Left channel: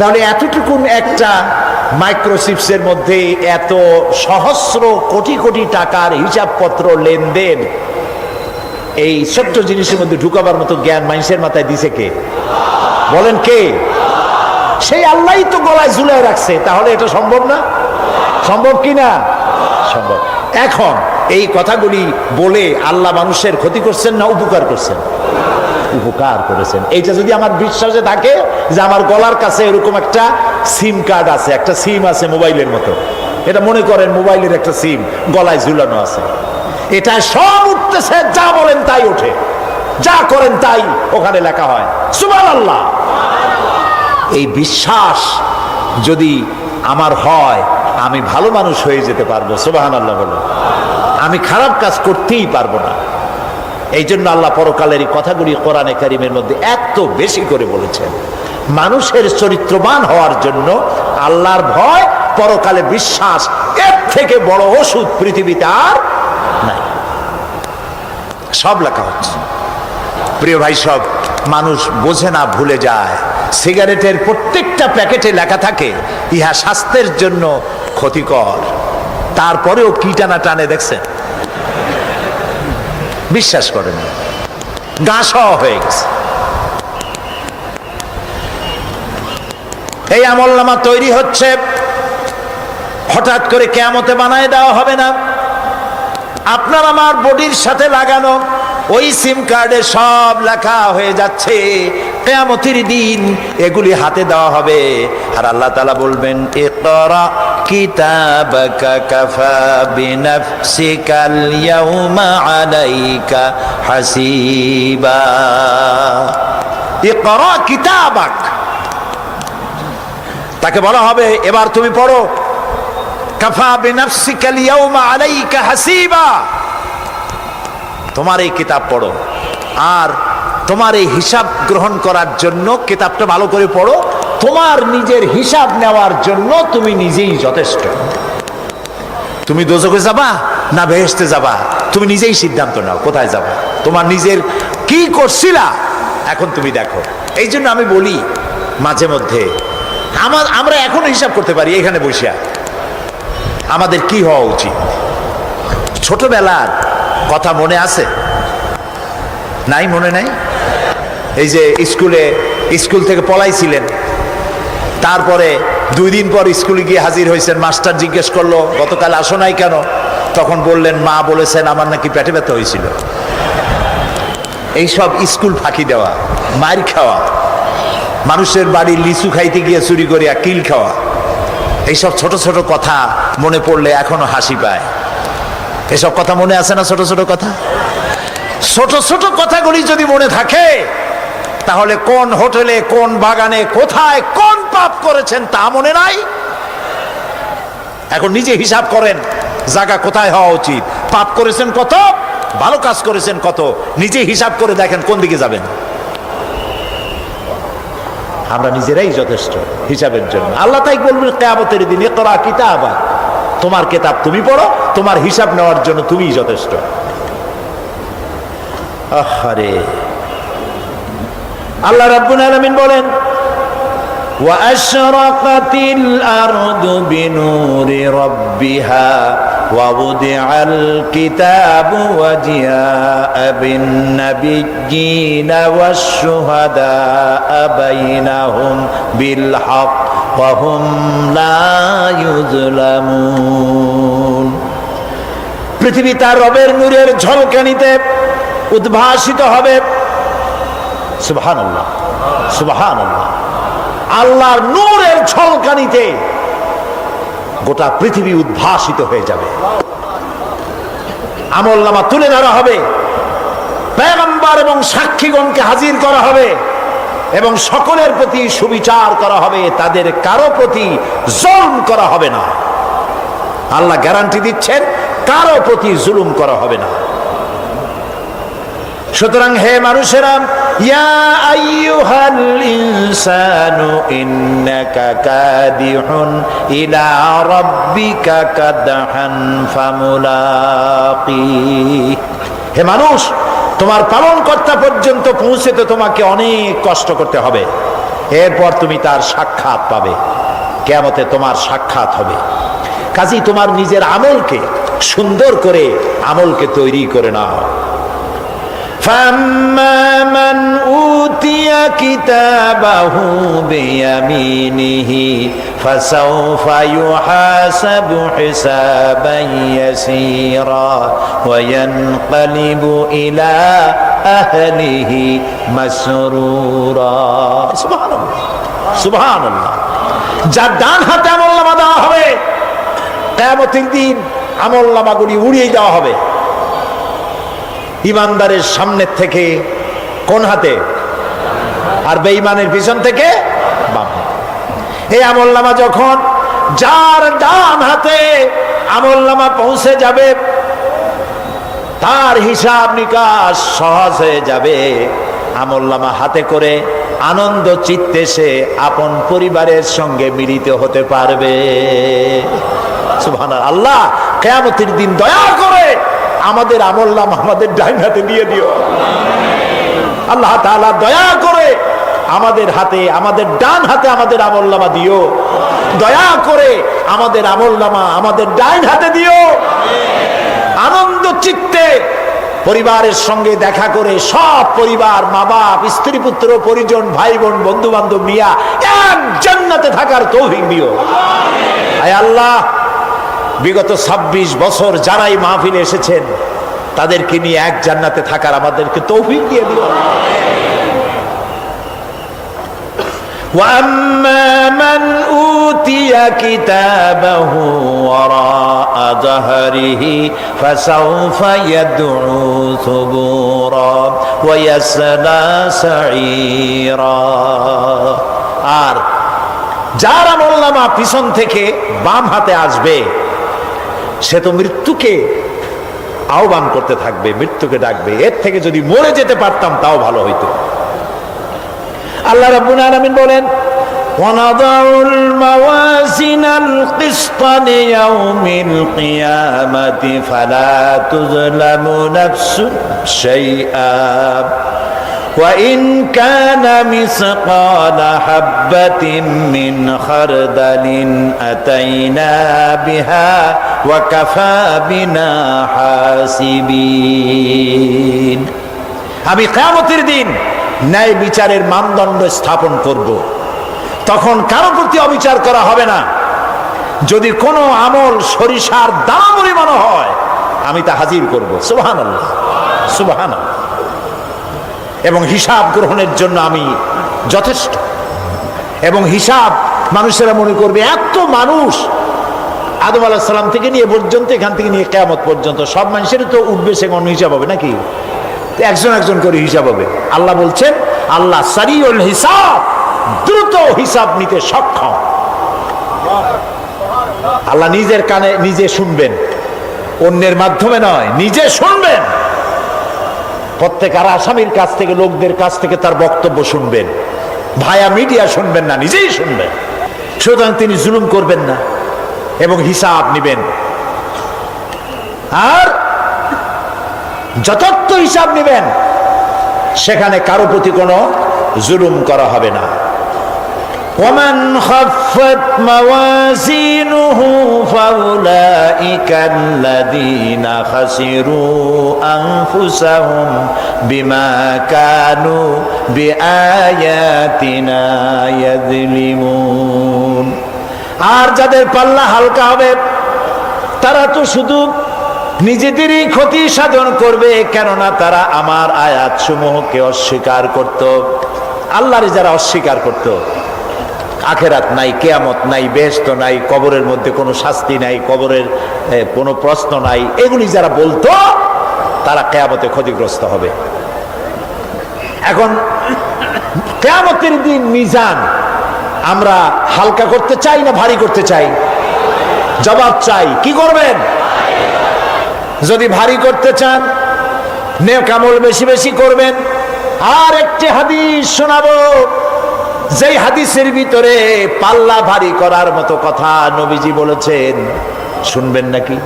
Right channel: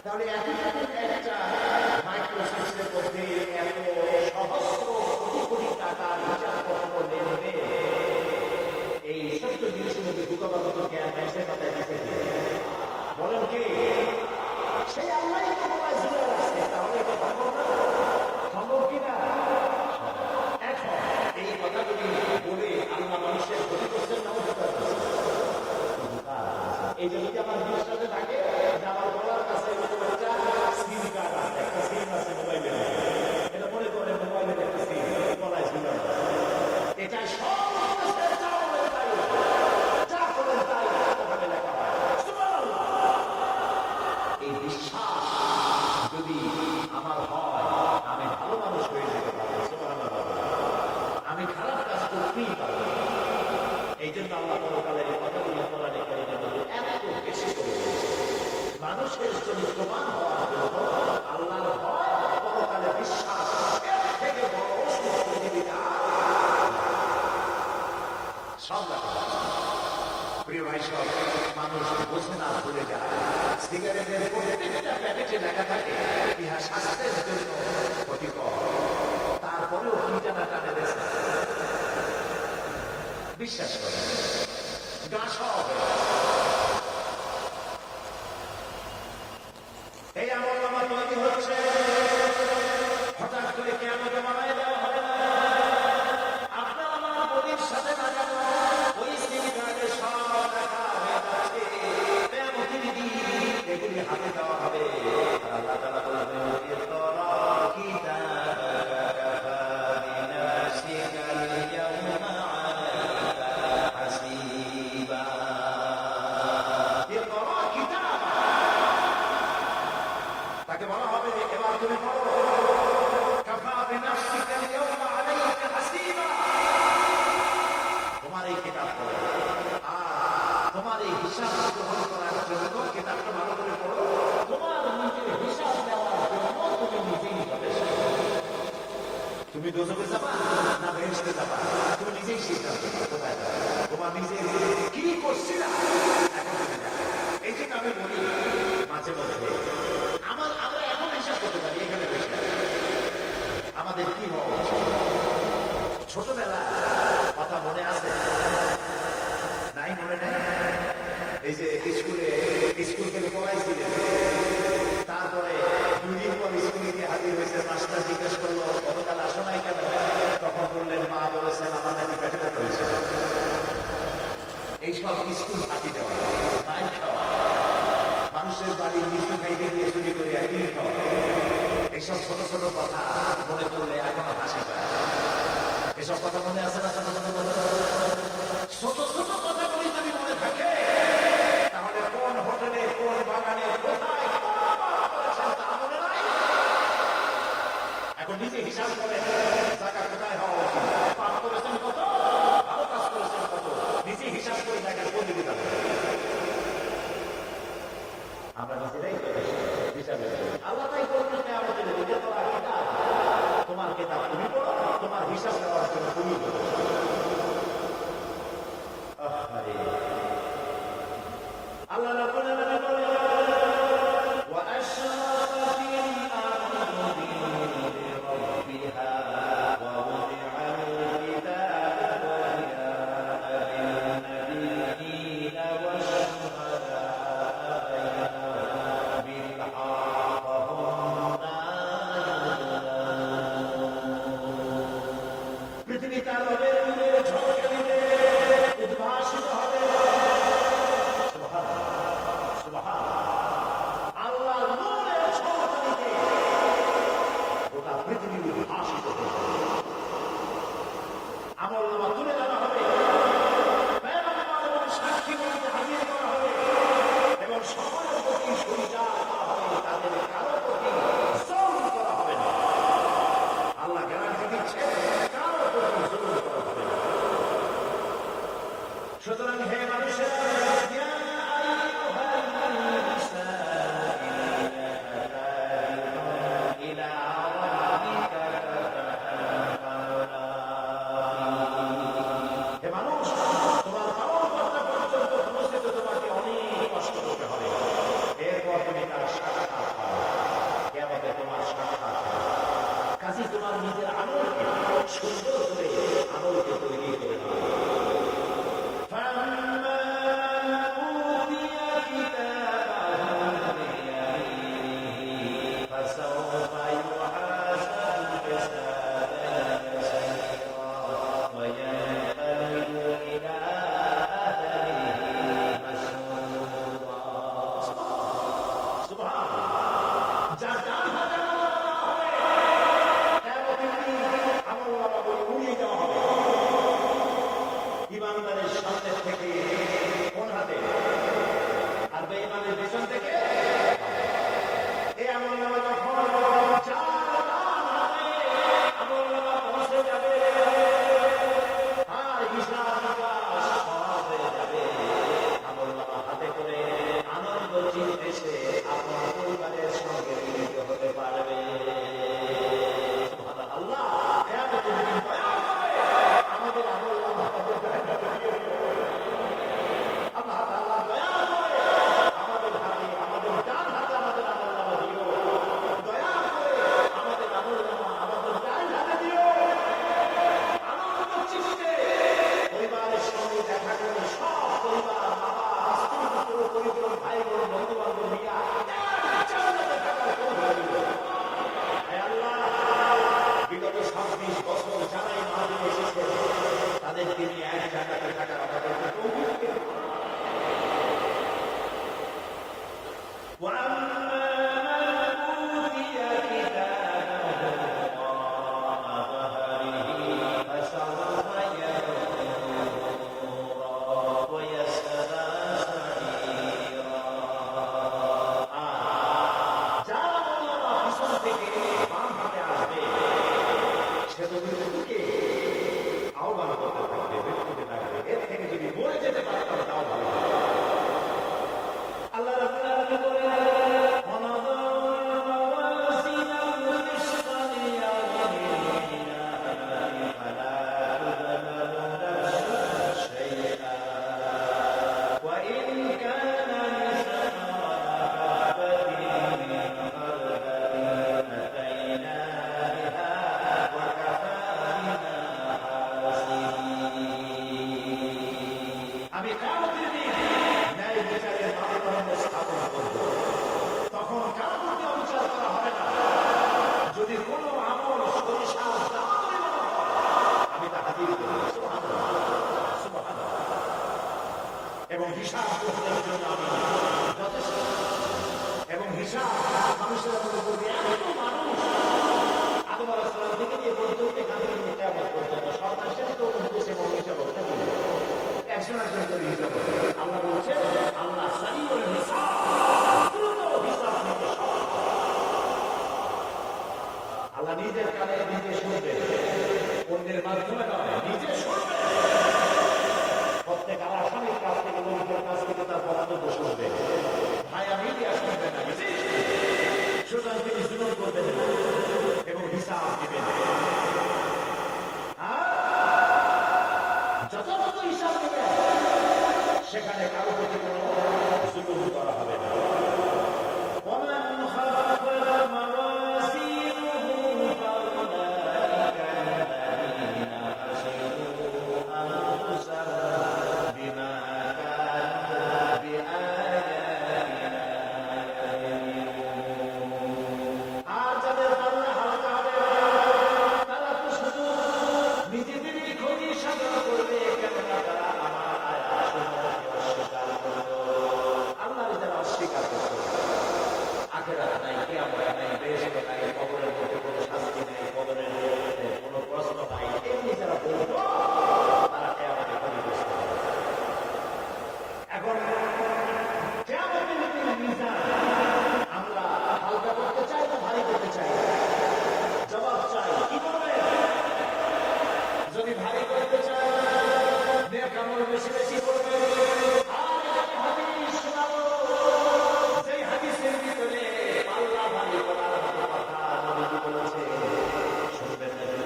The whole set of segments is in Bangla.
তাহলে এতটুকুন একটা মাইক্রোচিপসের মধ্যে এত সহস্র কোটি কোটি টাকার হিসাবপত্র লেনদেন, এই ছোট্ট জিনিসের মধ্যে ঢুকাবার মতো জ্ঞান মানুষের মাথায় দিছে কে? বলেন কে? সেই আল্লাহই তো গলায় ঝুলায় রাখছে। তাহলে এটা সম্ভব না? সম্ভব কি না? সম্ভব। এখন এই কথাগুলি বলে আল্লাহ মানুষের ক্ষতি করছেন না উপকার করছেন? উপকার করেছেন। এইটা যদি আমার বিশ্বাসে থাকে যে আমার গলার কাছে এরকম একটা সিম কার্ড আছে, একটা সিম আছে মোবাইলের মতো, এটা মনে করেন মোবাইলের একটা সিম গলায় ঝুলানো আছে, এটা সব উঠতেছে, যা বলেন তাই ওঠে, যা করেন তাই ওখানে লেখা হয়। সুবহানাল্লাহ। এই বিশ্বাস যদি আমার হয়, আমি ভালো মানুষ হয়ে যেতে পারবো। সুবহানাল্লাহ বলো। আমি খারাপ কাজ করতেই পারবো না। এই জন্য আল্লাহ পরকালের এই কথাগুলি কোরআনে কারিমের মধ্যে এত বেশি করে বলেছেন। মানুষের চরিত্রবান হওয়ার জন্য আল্লাহর ভয়, পরকালে বিশ্বাস, এর থেকে বড় ওষুধ পৃথিবীতে আর নাই। সব লেখা হচ্ছে। প্রিয় ভাই, সব মানুষ বোঝে না, ভুলে যায়। সিগারেটের প্রত্যেকটা প্যাকেটে লেখা থাকে ইহা স্বাস্থ্যের জন্য ক্ষতিকর, তারপরেও কি টানা টানে দেখছেন? বিশ্বাস করেন, গা সহ হয়ে গেছে। এই আমলনামা তৈরি হচ্ছে, হঠাৎ করে কিয়ামতে বানায় দেওয়া হবে না। আপনার আমার বডির সাথে লাগানো ওই সিম কার্ডে সব লেখা হয়ে যাচ্ছে। কিয়ামতের দিন এগুলি হাতে দেওয়া হবে, আর আল্লাহ তাআলা বলবেন, ইকরা কিতাবাকা কাফা বিনাফসিকাল ইয়াউমা আলাইকা হাসিবা। ইকরা কিতাবাক, তাকে বলা হবে এবার তুমি পড়ো। কাফা বিনাফসিকাল ইয়াউমা আলাইকা হাসিবা, তোমার এই কিতাব পড়ো, আর তোমার এই হিসাব গ্রহণ করার জন্য কিতাবটা ভালো করে পড়ো। তোমার নিজের হিসাব নেওয়ার জন্য তুমি নিজেই যথেষ্ট। তুমি দোজখে যাবা না বেহেশতে যাবা, তুমি নিজেই সিদ্ধান্ত নাও কোথায় যাবা। তোমার নিজের কি করছিলা এখন তুমি দেখো। এই জন্য আমি বলি মাঝে মধ্যে আমরা এখনো হিসাব করতে পারি এখানে বসিয়া আমাদের কি হওয়া উচিত। ছোটবেলার কথা মনে আছে? নাই? মনে নাই? এই যে স্কুল থেকে পলাইছিলেন, তারপরে 2 দিন পর স্কুলে গিয়ে হাজির হয়েছেন, মাস্টার জিজ্ঞেস করলো গতকাল আসো নাই কেন? তখন বললেন মা বলেছেন আমার নাকি পেটে ব্যথা হয়েছিল। এইসব স্কুল ফাঁকি দেওয়া, মার খাওয়া, মানুষের বাড়ির লিচু খাইতে গিয়ে চুরি করিয়া কিল খাওয়া, এইসব ছোট ছোট কথা মনে পড়লে এখনো হাসি পায়। এসব কথা মনে আছে না? ছোট ছোট কথা, ছোট ছোট কথাগুলি যদি মনে থাকে, তাহলে কোন হোটেলে, কোন বাগানে, কোথায় কোন পাপ করেছেন তা মনে নাই। এখন নিজে হিসাব করেন জায়গা কোথায় হওয়া উচিত, পাপ করেছেন কত, ভালো কাজ করেছেন কত, নিজে হিসাব করে দেখেন কোন দিকে যাবেন। আমরা নিজেরাই যথেষ্ট হিসাবের জন্য। আল্লাহ তাই বলবেন কিয়ামতের দিন, ইকরা কিতাবা, তোমার কিতাব তুমি পড়ো, তোমার হিসাব নেওয়ার জন্য তুমিই যথেষ্ট। আহারে, আল্লাহ রাব্বুল আলামিন বলেন, ওয়া আশরাকাতিল আরদু বিনুরি রাব্বিহা ওয়া wudi'al কিতাবু ওয়া জিআ'a বিন নাবিয়্যিনা ওয়াশ শুহাদা'a বাইনাহুম বিল হক ওয়া হুম লা ইউযলামুন। পৃথিবী তার রবের নূরের ঝলকানিতে উদ্ভাসিত হবে। সুবহানাল্লাহ, সুবহানাল্লাহ। আল্লাহর নূরের ঝলকানিতে গোটা পৃথিবী উদ্ভাসিত হয়ে যাবে। আমলনামা তুলে ধরা হবে, পয়গম্বর এবং সাক্ষীগণকে হাজির করা হবে, এবং সকলের প্রতি সুবিচার করা হবে, তাদের কারো প্রতি জুলুম করা হবে না। আল্লাহ গ্যারান্টি দিচ্ছেন কারো প্রতি জুলুম করা হবে না। সুতরাং হে মানুষেরা, ইয়া আইয়ুহাল ইনসানু ইন্নাকা কাদিহুন ইলা রাব্বিকা কাদহান ফামুলাকি। হে মানুষ, তোমার পালনকর্তা পর্যন্ত পৌঁছতে তোমাকে অনেক কষ্ট করতে হবে। এরপর তুমি তার সাক্ষাৎ পাবে, কিয়ামতে তোমার সাক্ষাৎ হবে। কাজেই তোমার নিজের আমলকে সুন্দর করে আমলকে তৈরি করে নাও। فَأَمَّا مَنْ أُوتِيَ كِتَابَهُ بِيَمِينِهِ فَسَوْفَ يُحَاسَبُ حِسَابًا يَسِيرًا وَيَنْقَلِبُ إِلَى أَهْلِهِ مَسْرُورًا। সুবহানাল্লাহ, সুবহানাল্লাহ। যার ডান হাতে আমলনামা দেওয়া হবে, কিয়ামতের দিন আমলনামাগুলি উড়িয়ে দেওয়া হবে ইমানদারের সামনের থেকে কোন হাতে, আর বেঈমানের পিছন থেকে বাম হাতে। এই আমলনামা যখন যার ডান হাতে আমলনামা পৌঁছে যাবে, তার হিসাব নিকাশ সহজ হয়ে যাবে। আমলনামা হাতে করে আনন্দ চিত্তে সে আপন পরিবারের সঙ্গে মিলিত হতে পারবে। সুবহানাল্লাহ। আল্লাহ কিয়ামতের দিন দয়া করে আমাদের আমলনামা আমাদের ডান হাতে দিয়ে দিও। আল্লাহ তাআলা দয়া করে আমাদের হাতে, আমাদের ডান হাতে আমাদের আমলনামা দিও। দয়া করে আমাদের আমলনামা আমাদের ডান হাতে দিও। আনন্দ চিত্তে পরিবারের সঙ্গে দেখা করে সব পরিবার, মা বাপ, স্ত্রী পুত্র পরিজন, ভাই বোন, বন্ধু বান্ধব নিয়ে এক জান্নাতে থাকার তৌফিক দিও। আয় আল্লাহ, বিগত 26 বছর যারাই মাহফিলে এসেছেন তাদেরকে নিয়ে এক জান্নাতে থাকার আমাদেরকে তৌফিক দিয়ে দিও। وَأَمَّا مَنْ أُوتِيَ كِتَابَهُ وَرَاءَ ظَهْرِهِ فَسَوْفَ يَدْعُو ثُبُورًا وَيَصْلَى سَعِيرًا। আর যার আমলনামা পিছন থেকে বাম হাতে আসবে, সে তো মৃত্যুকে আহ্বান করতে থাকবে, মৃত্যুকে ডাকবে। এর থেকে যদি মরে যেতে পারতাম তাও ভালো হইতো। আল্লাহ রাব্বুল আলামিন বলেন, وَنَضَعُ الْمَوَازِينَ الْقِسْطَ لِيَوْمِ الْقِيَامَةِ فَلَا تُظْلَمُ نَفْسٌ شَيْئًا وَإِنْ كَانَ مِثْقَالَ حَبَّةٍ مِّنْ خَرْدَلٍ أَتَيْنَا بِهَا وَكَفَى بِنَا حَاسِبِينَ। আমি কিয়ামতের দিন ন্যায় বিচারের মানদণ্ড স্থাপন করব। তখন কারো প্রতি অবিচার করা হবে না। যদি কোনো আমল সরিষার দানা পরিমাণ হয়, আমি তা হাজির করব। সুবহানাল্লাহ, সুবহানাল্লাহ। এবং হিসাব গ্রহণের জন্য আমি যথেষ্ট। এবং হিসাব মানুষেরা মনে করবে, এত মানুষ আদম আলাইহিস সালাম থেকে নিয়ে পর্যন্ত, এখান থেকে নিয়ে কিয়ামত পর্যন্ত সব মানুষের তো উঠবে সে কোন হিসাব হবে নাকি? একজন একজন করে হিসাব হবে। আল্লাহ বলছেন, আল্লাহ সারিউল হিসাব, দ্রুত হিসাব নিতে সক্ষম। আল্লাহ নিজের কানে নিজে শুনবেন, অন্যের মাধ্যমে নয়, নিজে শুনবেন। প্রত্যেক আর আসামির কাছ থেকে, লোকদের কাছ থেকে তার বক্তব্য শুনবেন। ভায়া মিডিয়া শুনবেন না, নিজেই শুনবেন। সুতরাং তিনি জুলুম করবেন না এবং হিসাব নিবেন। আর যথার্থ হিসাব নিবেন, সেখানে কারো প্রতি কোনো জুলুম করা হবে না। وَمَنْ خَفَّتْ مَوَازِينُهُ فَأُولَئِكَ الَّذِينَ خَسِرُوا أَنفُسَهُمْ بِمَا كَانُوا بِآيَاتِنَا يَظْلِمُونَ। আর যাদের পাল্লা হালকা হবে, তারা তো শুধু নিজেদেরই ক্ষতি সাধন করবে, কেননা তারা আমার আয়াত সমূহকে অস্বীকার করত। আল্লাহর যারা অস্বীকার করত, আখেরাত নাই, কিয়ামত নাই, বেহেশত নাই, কবরের মধ্যে কোনো শাস্তি নাই, কবরের কোনো প্রশ্ন নাই, এগুলি যারা বলতো, তারা কিয়ামতে ক্ষতিগ্রস্ত হবে। এখন কিয়ামতের দিন মিজান আমরা হালকা করতে চাই না ভারী করতে চাই? জবাব চাই। কি করবেন? যদি ভারী করতে চান, নেক আমল বেশি বেশি করবেন। আর একটি হাদিস শোনাবো, যেই হাদিসের ভিতরে পাল্লা ভারী করার মতো কথা নবীজি বলেছেন। শুনবেন নাকি?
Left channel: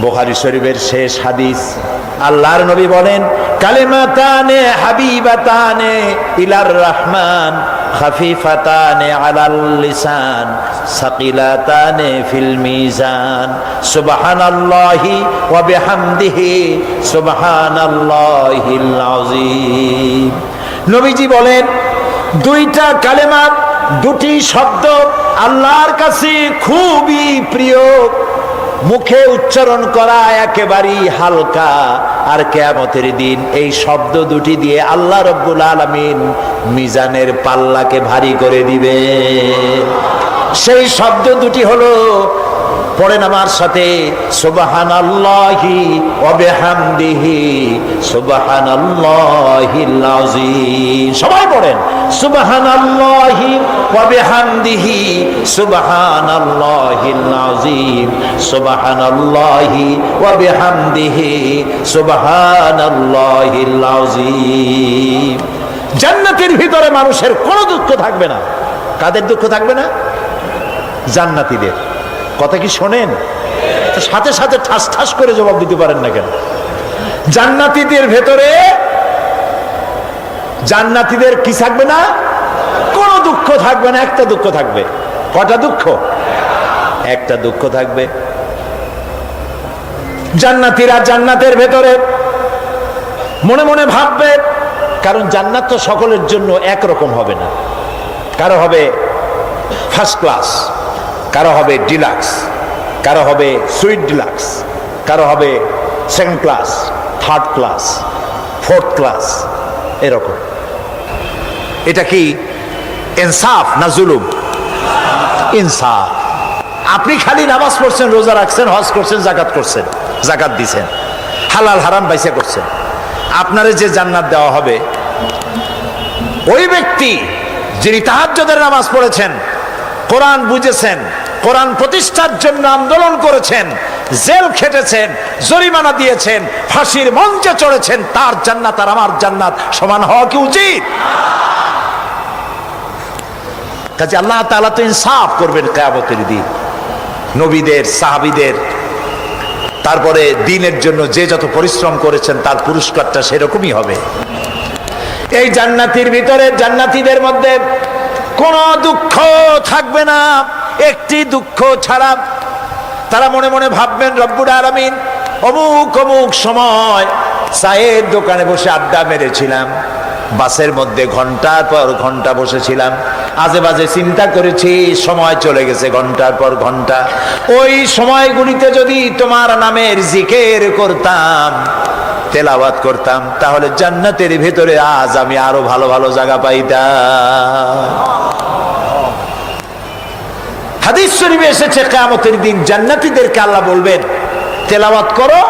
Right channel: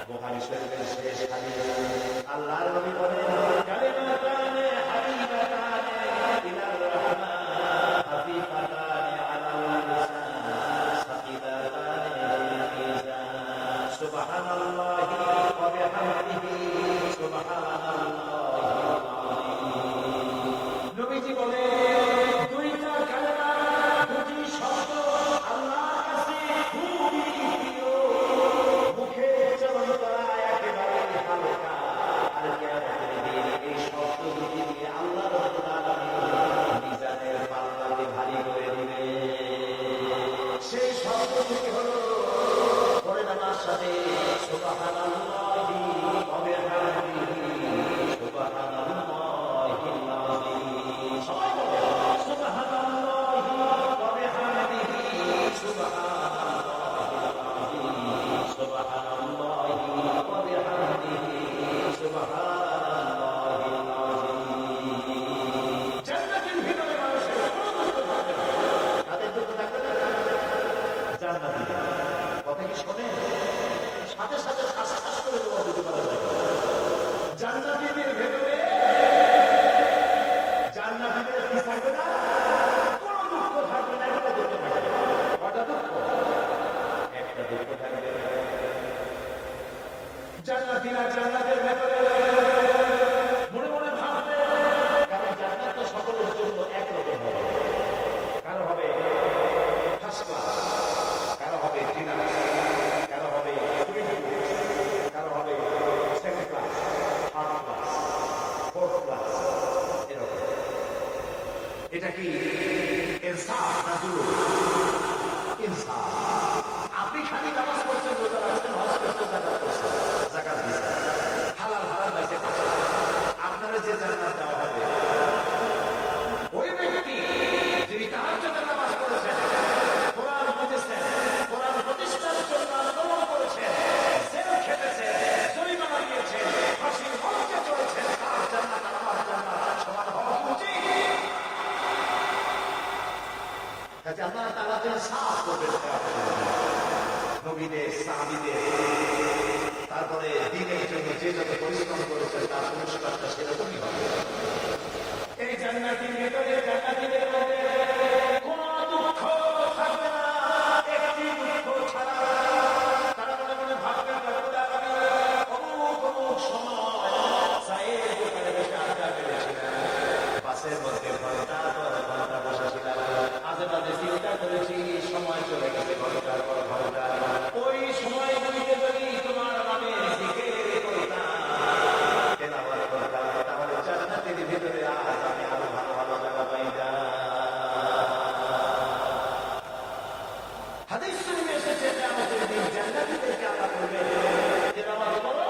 বুখারী শরীফের শেষ হাদিস, আল্লাহর নবী বলেন, কালিমাতানে হাবিবাতানে ইলার রহমান খাফিফাতানে আলাল লিসান সাকিলাতানে ফিল মিজান সুবহানাল্লাহি ওয়া বিহামদিহি সুবহানাল্লাহিল আযীম। নবীজি বলেন, দুইটা কালেমা, দুটি শব্দ আল্লাহর কাছে খুবই প্রিয়, মুখে উচ্চারণ করা একেবারেই হালকা, আর কিয়ামতের দিন এই শব্দ দুটি দিয়ে আল্লাহ রাব্বুল আলামিন মিজানের পাল্লাকে ভারী করে দিবে। সেই শব্দ দুটি হলো, পড়েন আমার সাথে, সুবহানাল্লাহি ওয়া বিহামদিহি সুবহানাল্লাহিল আযীম। সবাই পড়েন, সুবহানাল্লাহি ওয়া বিহামদিহি সুবহানাল্লাহিল আযীম সুবহানাল্লাহি ওয়া বিহামদিহি সুবহানাল্লাহিল আযীম। জান্নাতের ভিতরে মানুষের কোনো দুঃখ থাকবে না। কাদের দুঃখ থাকবে না? জান্নাতীদের। কথা কি শোনেন? সাথে সাথে ঠাস ঠাস করে জবাব দিতে পারেন না কেন? জান্নাতীদের ভেতরে, জান্নাতীদের কি থাকবে না? কোনো দুঃখ থাকবে না। একটা দুঃখ থাকবে। কটা দুঃখ? একটা দুঃখ থাকবে। জান্নাতীরা জান্নাতের ভেতরে মনে মনে ভাববে, কারণ জান্নাত তো সকলের জন্য একরকম হবে না। কারো হবে ফার্স্ট ক্লাস, কারো হবে ডিলাক্স, কারো হবে সুইট ডিলাক্স, কারো হবে second class, third class, fourth class, এরকম। এটা কি ইনসাফ না জুলুম? ইনসাফ। আপনি খালি নামাজ পড়ছেন, রোজা রাখছেন, হজ করছেন, জাকাত করছেন, জাকাত দিছেন, হালাল হারাম বাইসা করছেন, আপনারে যে জান্নাত দেওয়া হবে, ওই ব্যক্তি যিনি তাহাজ্জুদের নামাজ পড়েছেন, কোরআন বুঝেছেন, কোরআন প্রতিষ্ঠার জন্য আন্দোলন করেছেন, জেল খেটেছেন, জরিমানা দিয়েছেন, ফাঁসির মঞ্চে চড়েছেন, তার জান্নাত আর আমার জান্নাত সমান হওয়া কি উচিত? কাজে আল্লাহ তাআলা তো ইনসাফ করবেন কিয়ামতের দিন। নবীদের, সাহাবীদের, তারপরে দ্বীনের জন্য যে যত পরিশ্রম করেছেন তার পুরস্কারটা সেরকমই হবে। এই জান্নাতের ভিতরে, জান্নাতীদের মধ্যে কোনো দুঃখ থাকবে না, একটি দুঃখ ছাড়া। তারা মনে মনে ভাববেন, রব্বুল আলামিন, অমুক অমুক সময় চায়ের দোকানে বসে আড্ডা মেরেছিলাম, বাসের মধ্যে ঘন্টার পর ঘন্টা বসেছিলাম, আজে বাজে চিন্তা করেছি, সময় চলে গেছে ঘন্টার পর ঘন্টা। ওই সময়গুলিতে যদি তোমার নামের জিকির করতাম, তেলাওয়াত করতাম, তাহলে জান্নাতের ভিতরে আজ আমি আরো ভালো ভালো জায়গা পাইতাম। হাদিস শরীফে এসেছে, কিয়ামতের দিন জান্নাতীদেরকে আল্লাহ বলবেন, তেলাওয়াত করো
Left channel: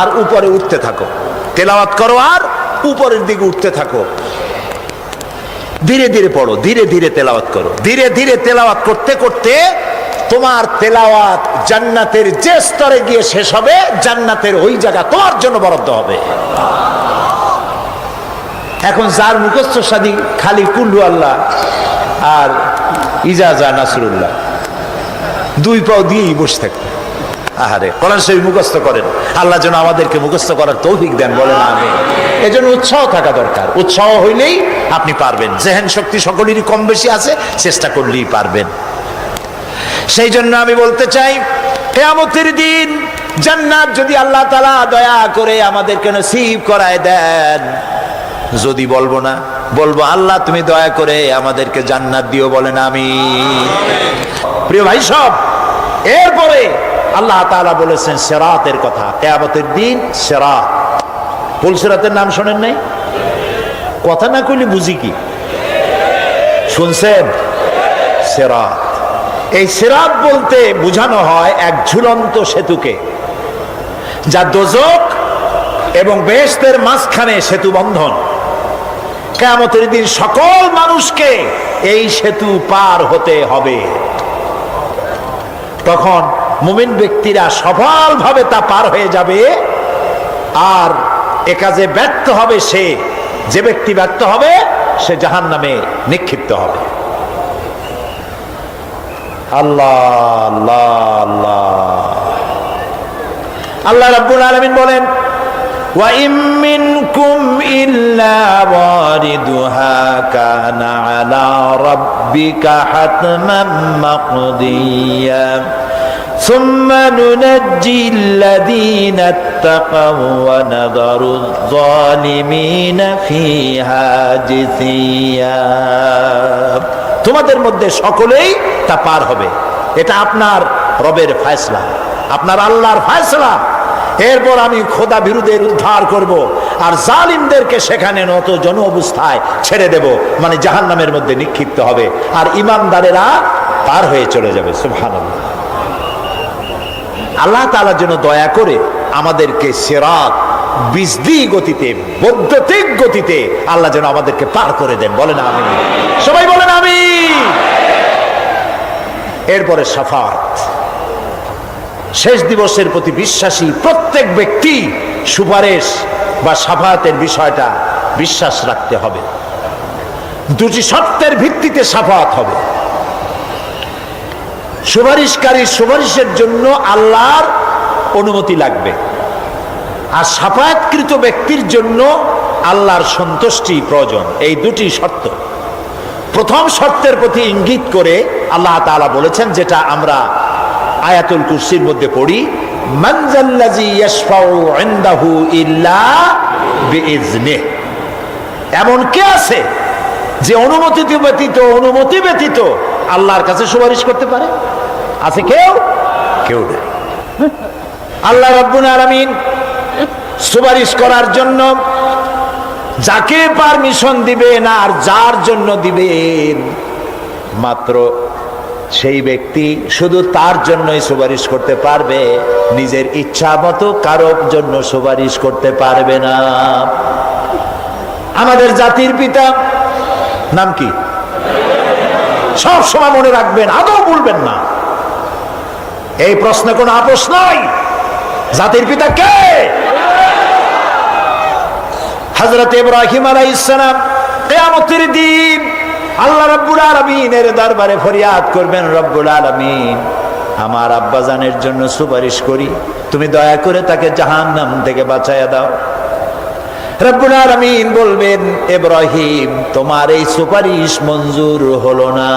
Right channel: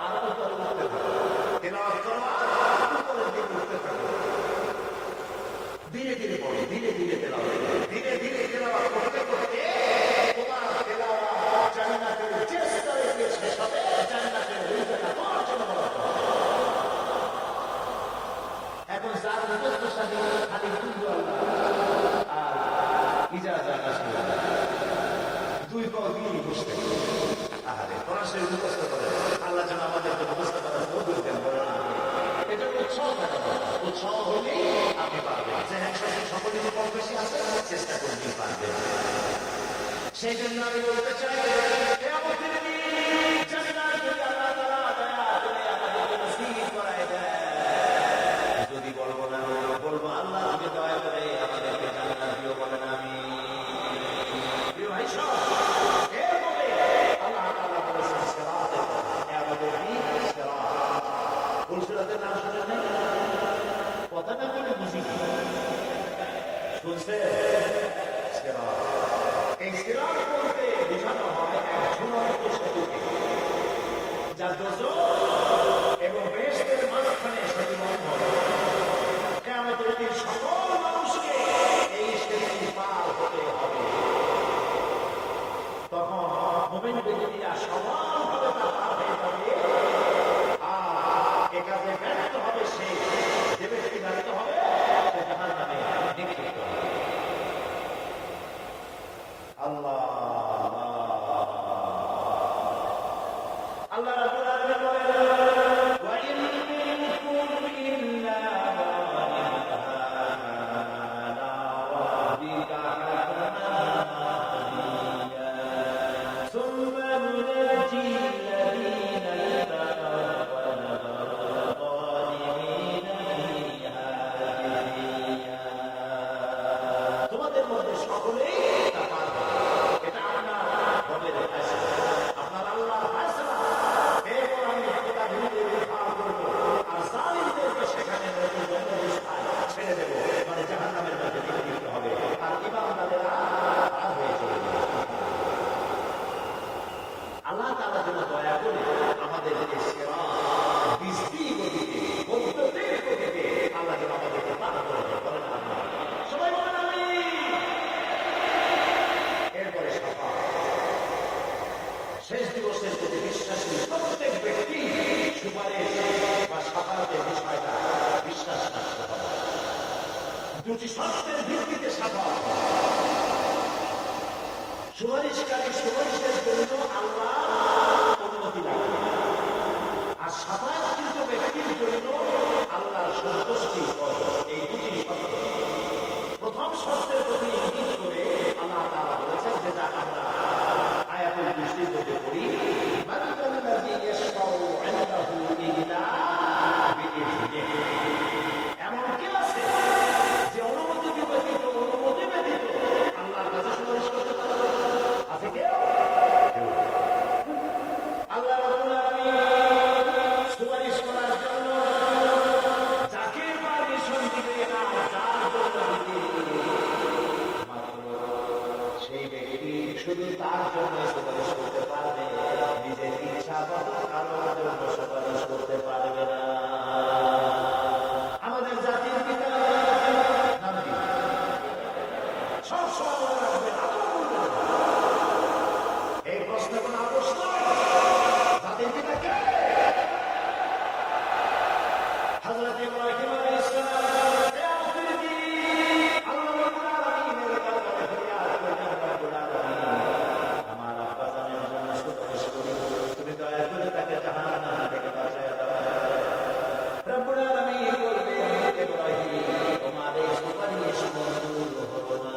আর উপরে উঠতে থাকো, তেলাওয়াত করো আর উপরের দিকে উঠতে থাকো, ধীরে ধীরে পড়ো, ধীরে ধীরে তেলাওয়াত করো। ধীরে ধীরে তেলাওয়াত করতে করতে তোমার তেলাওয়াত জান্নাতের যে স্তরে গিয়ে শেষ হবে, জান্নাতের ওই জায়গা তোমার জন্য বরাদ্দ হবে। এখন যার মুখস্থ সাদি খালি কুল্লু আল্লাহ আর ইজাজা নাসরুল্লাহ, দুই পাও দিয়েই বসে থাকবে। আহারে, কোরআন শরীফ মুখস্থ করেন, আল্লাহ যেন আমাদেরকে মুখস্থ করার তৌফিক দেন, বলেন আমিন। এজন্য উৎসাহ থাকা দরকার। উৎসাহ হইলেই আপনি পারবেন। জেহেন শক্তি সকলেরই কম বেশি আছে, চেষ্টা করলেই পারবেন। সেই জন্য আমি বলতে চাই, কিয়ামতের দিন জান্নাত যদি আল্লাহ তাআলা দয়া করে আমাদেরকে নসিব করায় দেন, যদি বলবো না, বলবো আল্লাহ তুমি দয়া করে আমাদেরকে জান্নাত দিও, বলেন আমিন। প্রিয় ভাই সব, এরপরে আল্লাহ তাআলা বলেছেন সিরাতের কথা। কিয়ামতের দিন সিরাত, পুলসিরাতের নাম শোনেন নাই? কথা না কইলে বুঝি কি? শুনছেন? সিরাত। এই সিরাত বলতে বোঝানো হয় এক ঝুলন্ত সেতুকে, যা দোজখ এবং বেহেশতের মাঝখানে সেতু বন্ধন। কিয়ামতের দিন সকল মানুষকে এই সেতু পার হতে হবে। তখন মুমিন ব্যক্তিরা সফলভাবে তা পার হয়ে যাবে, আর এ কাজে ব্যর্থ হবে সে, যে ব্যক্তি ব্যর্থ হবে সে জাহান্নামে নিক্ষিপ্ত হবে। আল্লাহ আল্লাহ আল্লাহ। আল্লাহ রাব্বুল আলামিন বলেন, وإن منكم إلا واردها كان على ربك حتما مقضيا ثم ننجي الذين اتقوا ونذر الظالمين فيها جثيا। তোমাদের মধ্যে সকলেই তা পার হবে, এটা আপনার রবের ফয়সালা, আপনার আল্লাহর ফয়সালা। এরপর আমি খোদা বিরুদ্ধের উদ্ধার করব, আর জালিমদেরকে সেখানে নত জন অবস্থায় ছেড়ে দেব, মানে জাহান্নামের মধ্যে নিক্ষিপ্ত হবে, আর ইমানদারেরা পার হয়ে চলে যাবে। সুবহানাল্লাহ। আল্লাহ তাআলা যেন দয়া করে আমাদেরকে সিরাত বিজদি গতিতে, বৈদ্যুতিক গতিতে আল্লাহ যেন আমাদেরকে পার করে দেন। বলেন আমিন, সবাই বলেন আমিন। এরপরে শাফাত, শেষ দিবসের প্রতি বিশ্বাসী প্রত্যেক ব্যক্তি সুপারিশ বা শাফাতের বিষয়টা বিশ্বাস রাখতে হবে। দুটি শর্তের ভিত্তিতে শাফাত হবে। সুপারিশকারী সুপারিশের জন্য আল্লাহর অনুমতি লাগবে, আর শাফায়াতকৃত ব্যক্তির জন্য আল্লাহর সন্তুষ্টি প্রয়োজন। এই দুটি শর্ত। প্রথম শর্তের প্রতি ইঙ্গিত করে আল্লাহ তাআলা বলেছেন, যেটা আমরা আয়াতুল কুরসির মধ্যে পড়ি, মান যাল্লাযী ইয়াশফাউ ইনদাহু ইল্লা বিইজনিহি। এমন কে আছে যে অনুমতি ব্যতীত আল্লাহর কাছে সুপারিশ করতে পারে? আছে কেউ? কেউ নেই। আল্লাহ রাব্বুল আলামিন সুপারিশ করার জন্য যাকে পারমিশন দিবেন আর যার জন্য দিবেন, মাত্র সেই ব্যক্তি শুধু তার জন্যই সুপারিশ করতে পারবে, নিজের ইচ্ছা মতো কারোর জন্য সুপারিশ করতে পারবে না। আমাদের জাতির পিতা নাম কি? সব সময় মনে রাখবেন, আদৌ বলবেন না। এই প্রশ্নে কোনো আপোষ নাই। জাতির পিতা কে? হযরত ইব্রাহিম আলাইহিস সালাম কিয়ামতের দিন আল্লাহ রাব্বুল আলামিনের দরবারে ফরিয়াদ করবেন, রব্বুল আলামিন, আমার আব্বাজানের জন্য সুপারিশ করি, তুমি দয়া করে তাকে জাহান্নাম থেকে বাঁচায়া দাও। রব্বুল আলামিন বলবেন, ইব্রাহিম, তোমার এই সুপারিশ মঞ্জুর হলো না।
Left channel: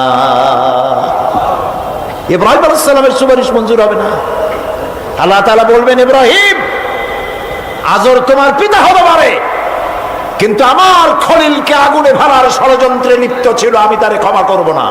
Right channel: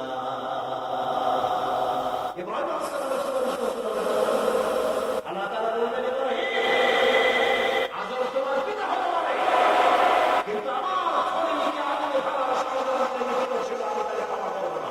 ইব্রাহিম আলাইহিস সালামের সুপারিশ মঞ্জুর হবে না। আল্লাহ তাআলা বলবেন, ইব্রাহিম, আজর তোমার পিতা হতে পারে, কিন্তু আমার খলিলকে আগুনে ফেলার ষড়যন্ত্রে লিপ্ত ছিল, আমি তারে ক্ষমা করব না।